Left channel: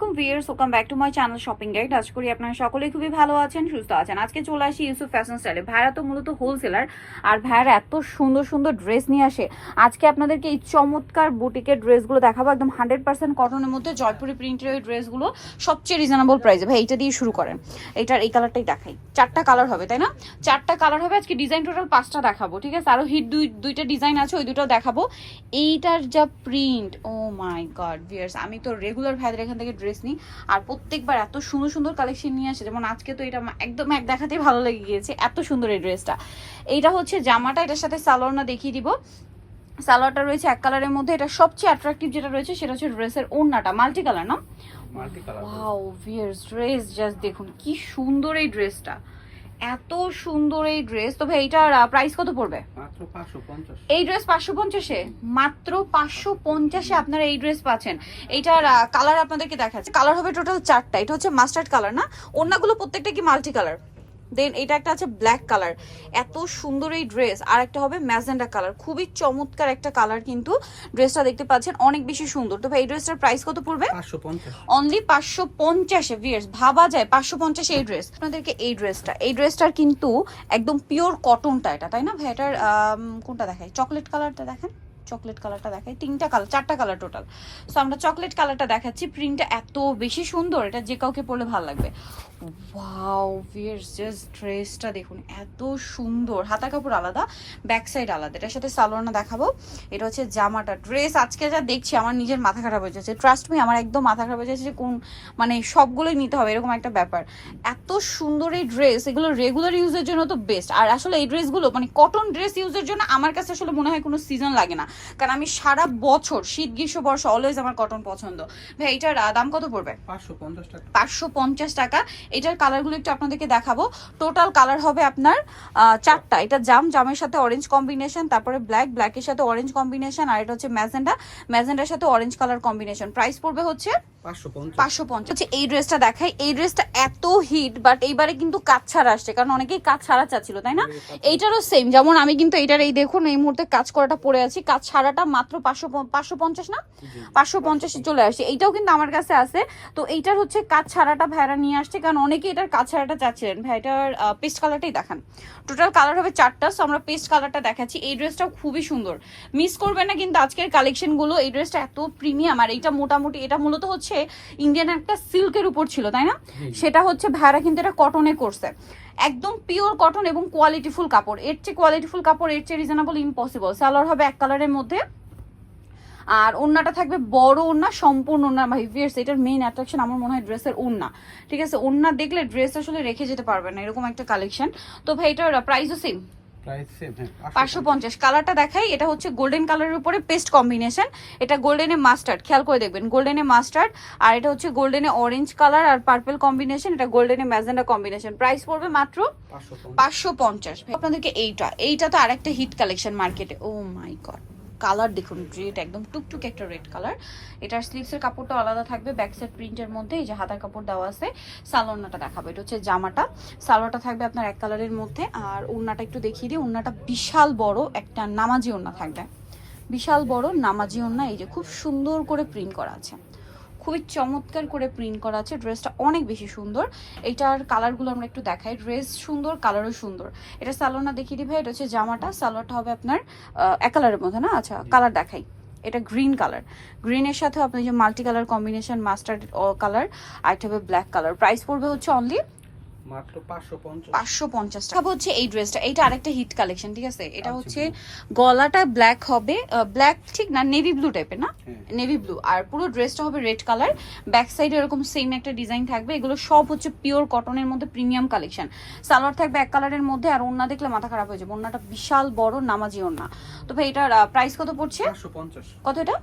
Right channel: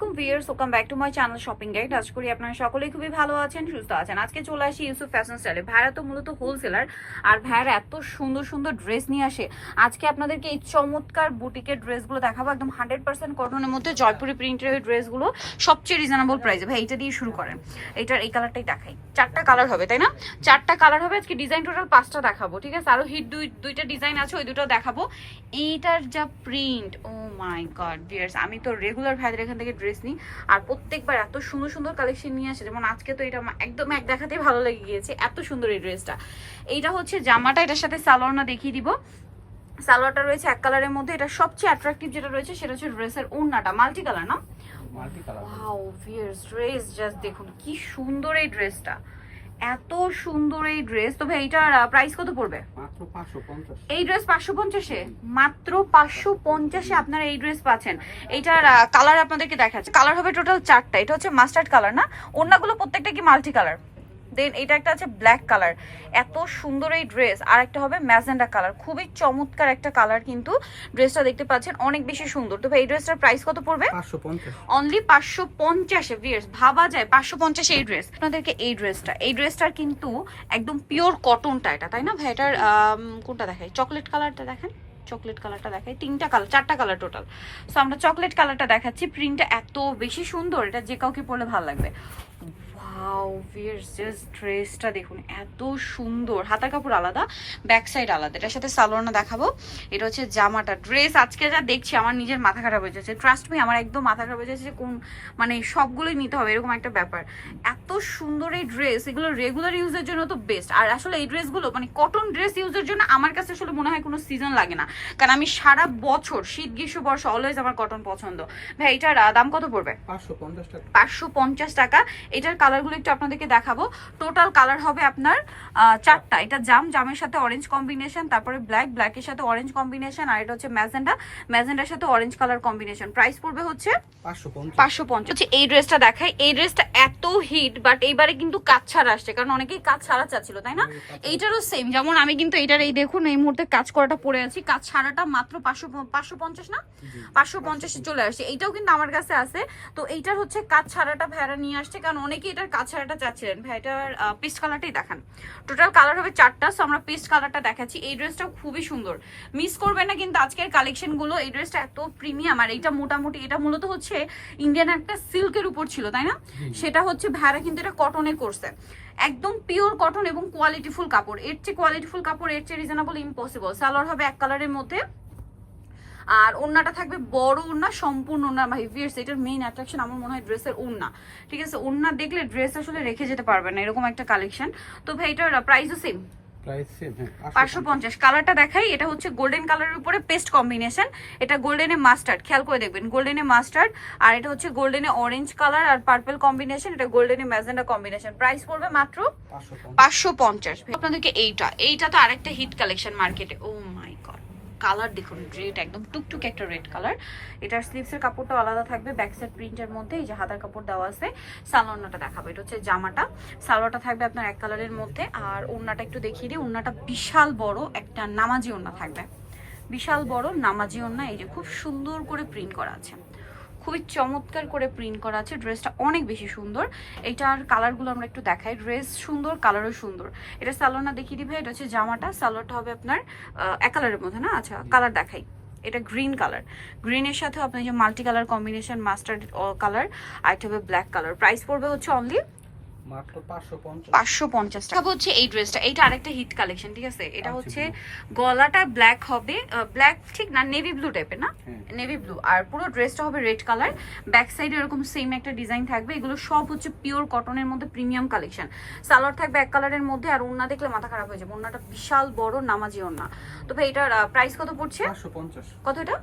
আলাইকুম viewers welcome back to my channel shopping guide আজ করি আপনারা সকলেই খুবই ভালো আছেন, সুস্থ আছেন। আজকে চলে আসি ইউসুফ ফ্যাশন স্টাইলে ভাইরা তো মূলত হোলসেলার আর ভাইরা এত সুন্দর সুন্দর ড্রেস নিয়ে আসে। আজকে আপনাদেরকে এই চমৎকার বুটিকের ড্রেসগুলো দেখাবো, একদম হান্ড্রেড পার্সেন্ট কটনের মধ্যে, জয়পুরি প্রিন্টের ড্রেসগুলো সবচেয়ে রিজনেবল প্রাইসে ভাই, এইটা দিয়ে শুরু করেন। এটার, এই কালারটাই দেখাই। চারটা কালার হবে, তাই না? চারটা কালার হবে, আজকে ডিজাইন টোটাল পাঁচটা দেখাবো, ঠিক আছে? আরও হিট দুই, দুইটা ডিজাইন আছে, ওই দুটো দেখাবো। এইটার যা print oh my god viewers আমি তো রেগুলার ভাইদের এখান থেকে ড্রেস নিই। আর প্রত্যেকবার এত সুন্দর সুন্দর কালেকশন নিয়ে আসে যেমন আজকে তো এটা একদম এক দেখাতেই ভালো লেগে গিয়েছে এত সুন্দর এই ড্রেসটা। এইটা হচ্ছে জামাটা এটার সাথে সালোয়ারনা দেখিয়ে দিব। সালোয়ারটা রয়েছে এক কালারের মধ্যে এটা সবচেয়ে অ্যাট্রাকটিভ যেটা রয়েছে সেটা হচ্ছে ড্রেসের ওড়নাটা মাল্টি কালার না? Multi colour wow viewers dress just দেখুন কি সুন্দর এই ড্রেসটা। এত সুন্দর এই ড্রেস তবে এইটার প্রাইস কত পড়বে? এই ড্রেস পাঁচশো পঞ্চাশে? মাত্র পাঁচশো পঞ্চাশে আপনারা এই ড্রেস পাচ্ছেন। এইটার কালার আপনাদেরকে দেখাচ্ছে। কালার হবে টোটাল চারটা। এটা হচ্ছে মাস্টার্ড কালার না? অন্যগুলো প্রত্যেকটা কি মাল্টি কালার দেন এটা একটা আছে ব্ল্যাক কালার এত সুন্দর এই ড্রেস আর একটা হবে ম্যাজেন্ডা কালার খুবই চমৎকার একটা কালার কিন্তু ড্রেসটা দেখতে পাচ্ছেন। অনেক বেশি সুন্দর। তবে এই ড্রেসটার প্রাইস কত পড়বে? অনলি পাঁচশো পঞ্চাশে ভিয়ার্স ভাবা যায় পাঁচশো পঞ্চাশে এই ড্রেস আপনাদেরকে এই ড্রেসটা এই ড্রেসটার কিন্তু একদম পিওর কটনটা এটা তাই না ভাই? এটার কোনটা দেখাই? চকলেট কালারটা দেখেন। চকলেট কালারটা দেখাই। তিনটা কালার চারটা কালার টোটাল সো আমরা চকলেট কালারটা দেখাচ্ছি। প্রিন্টটা এত বেশি সুন্দর, এটা যে কাউকে পরলে ভালো লাগবে। ওয়াও ভিয়ার্স জাস্ট ড্রেসটা দেখুন, এত সুন্দর। হাতা কাপড় আলাদা ব্যাক সাইড আলাদা। এটার সাথে সালোয়ারনা দেখাবো। এটা হচ্ছে জামাটা। ড্রেস আজকে যা দেখছি, আমার নিজের মাথা খারাপ হয়ে যাচ্ছে। ট্রাস্ট মি আমার একদম মাথা খারাপ হয়ে যাচ্ছে কোন মানে সবগুলোই নিতে হবে, এরকম একটা ব্যাপার। এত সুন্দর এই ড্রেস এগুলো রেগুলার ইউজের জন্য তো বেস্ট আর আসলে এই ড্রেসগুলো মানে কটন ড্রেস ইউজের জন্য আমার কাছে আসলে মনে হয় কোনো সিজন লাগে না। কারণ আমি সারা বছর শীত গ্রীষ্ম বর্ষা অলওয়েজ আমার কটন পছন্দ। ভাই এটার দাম কত পড়বে? পাঁচশো পঞ্চাশ টাকা। এটার কালারগুলো একটু আপনাদেরকে দেখাবো। টোটাল কালার হবে আপনার চারটা। এটা জাম জামের সাথে অরেঞ্জ কম্বিনেশন তারপরে ব্ল্যাক ব্ল্যাকের সাথে অরেঞ্জ কম্বিনেশন আর এটা হচ্ছে ম্যাজেন্ডা। ম্যাজেন্ডার সাথে অরেঞ্জ কালার কম্বিনেশন প্রাইস পড়বে হচ্ছে পাঁচশো পঞ্চাশ। হচ্ছে এই ড্রেসটা দেখাই। এই ড্রেসটা এত হিট বাট এইবারে কিন্তু কাজ ছাড়া আসছে। কারণ অনেকেই কাজ ছাড়া চাচ্ছিল তাই না? এইটারও সেম যেমন আমি কিন্তু এইটার এই দেখুন এই মুহূর্তে কাজ করাটা পড়ে আছি। কাজ ছাড়াটা মাত্র পাঁচশো পাঁচশো পঞ্চাশ না? পাঁচশো পঞ্চাশে চলে আসছে। এইটাও কিন্তু আমার কাছে আছে। তো এইটার হচ্ছে কাজ ছাড়াটা ভাইরা নিয়ে আসছে কারণ অনেকে এটার কাজ ছাড়াটা চাচ্ছিলেন। ভাইটার পেস্ট কালারটাই দেখান। টোটাল কালার হবে চারটা সো আমরা পেস্ট কালারটা দেখাচ্ছি। এই ড্রেসটাও খুবই সুন্দর। মিস করবেন না কিন্তু আজকের কালেকশনগুলো এই ড্রেসটা এত প্রিমিয়াম আর এইটা মোটামুটি এটা মূলত হচ্ছে ইন্ডিয়ান একটা সিল্কের উপর ছিল তাই না? সেটা হচ্ছে ভাইরা কিন্তু এটা কটনে করছে। একদম পিওর কটন এবং কোয়ালিটিফুল কাপড়। এর চেয়ে কোয়ালিটিফুল কাপড়, এর চেয়ে রিজনেবল ইম্পসিবল সালোয়ার হবে এক কালারের মধ্যে। আর ওড়নাটা থাকবে বড় ওড়না, সম্পূর্ণ ওড়না ভাই ভিয়ার্স এটার মেইন অ্যাট্রাকশন আমার মনে হয় ড্রেসের ওড়না। ঠিক আছে? ওড়না দেখলে ড্রেস আসলে রেখে যেতে পারবে না, এরকম একটা কালেকশন তো ভাই, এটার প্রাইসও সেম প্রাইস সেম হ্যাঁ কালারটা দেখাই এটা হচ্ছে গোল্ডেন কালারের উপরে পেস্ট কম্বিনেশন এটা গোল্ডেনে মাস্টার্ড খেয়াল করে দেখবেন গোল্ডেনে মাস্টার্ড আর এটা হচ্ছে গোল্ডেনে অরেঞ্জ কালার আর পার্পল কম্বিনেশন এটা গোল্ডেনে ম্যাজেন্ডা কম্বিনেশন প্রাইস পড়বে মাত্র পাঁচশো পঞ্চাশ। পাঁচশো পঞ্চাশ। আপনাদেরকে এইটা এইটা তো আরেকটা হিট কালেকশন মার্কেটে ও মাই গড কালার দেখুন রেড একদম টুকটুক একটা রেড কালার এটার স্লিভসের কাপড়টা আলাদা থাকবে ব্যাক সাইড প্রিন্টের মধ্যে, এই যে হাতার কাপড় দেওয়া আছে, সালোয়ারটা দেখাবো, এটা হচ্ছে জামাটা। সালোয়ারটা থাকবে আপনার এক কালারের মধ্যে, আর ওড়নাটা একটু দেখিয়ে দিই, ওড়নাটা বিশাল বড় একটা নামাজি ওড়না থাকবে। বিশাল বড় নামাজি ওড়না, এই যে খুব সুন্দর করে প্রিন্ট করা আছে। খুবই চমৎকার করে প্রিন্ট করা আছে। ড্রেসটা অনেক বেশি সুন্দর। এইটার কালারগুলো আমরা একটু দেখাই। ড্রেস সুন্দর কালারও সুন্দর। এটা সালোয়ারটা দেখিয়ে দিবে এটা হচ্ছে জামাটা। সালোয়ারটা হবে আপনার এক কালারের মধ্যে, না? আচ্ছা কালার দেখাই। এটা গ্রিন কালার গ্রিনের সাথে আপনি যে multi colour combination mustard colour আর একটা হবে ব্ল্যাক কালার প্রাইস পড়বে হচ্ছে অনলি মাত্র টাকা। হচ্ছে এই ড্রেসটা। এটা আরেকটা হিট কালেকশন ঠিক আছে? এটা হচ্ছে গলাটা ব্ল্যাক হবে ব্ল্যাক ঠিক না নেভি ব্লু টাইপের না? হ্যাঁ। নেভি ব্লু আর পুরো ড্রেসটা হবে রেড কালার ব্যাক সাইডে এরকম সেম একটা ডিজাইন থাকবে। এগুলো সব হচ্ছে পিওর কটনের মধ্যে প্রিমিয়াম কালেকশন সালোয়ার থাকবে এক কালারের মধ্যে আর ওন্না দেখলে মাথা খারাপ হয়ে যাবে। ওন্নাটা বিশাল বড় নামাজি ওন্না তো ভাই এটার প্রাইস কত পড়ছে? পাঁচশো পঞ্চাশ। কত এটা?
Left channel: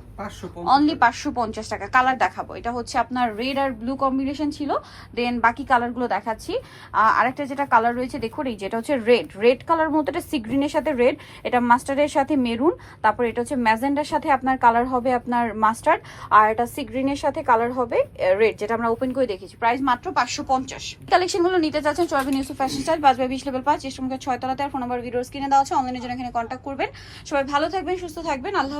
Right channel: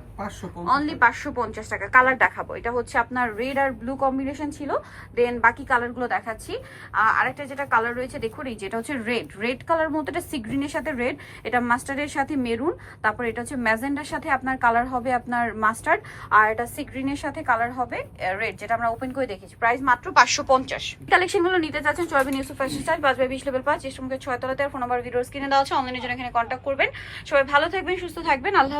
অনলি পঞ্চাশ। পাঁচশো পঞ্চাশ টাকা। কালার দেখাবো। এটা হচ্ছে আপনার রেড আর ব্লু কম্বিনেশন ছিল। দেন বাকি কালারগুলো দেখাচ্ছি। আরেকটা যেটা কালার রয়েছে, দেখুন, এই যেটা হচ্ছে রেড রেড কালার মধ্যে এটা সি গ্রিনের সাথে রেড এটা মাস্টার্ডের সাথে মেরুন তারপর এটা হচ্ছে ম্যাজেন্ডার সাথে আপনার কালার হবে আপনার মাস্টার্ড আর এটা সি গ্রিনের সাথে কালার হবে রেড যেটা আমরা ওপেন করে দেখেছি। প্রাইস মাত্র পাঁচশো পঞ্চাশ। কালেকশনগুলো নিতে চাচ্ছেন চলবেন ইউসুফ ফ্যাশন স্টাইল পাঁচ বাই বিশ লেভেল পাঁচ ইস্টমকে ছয় তলাতে আর ফোন নাম্বার ভিডিওস কিনে দেওয়া আছে। অনলাইনের জন্য এখানে কন্ট্যাক্ট করবেন। সবাই ভালো থাকবেন, সুস্থ থাকবেন। আল্লাহ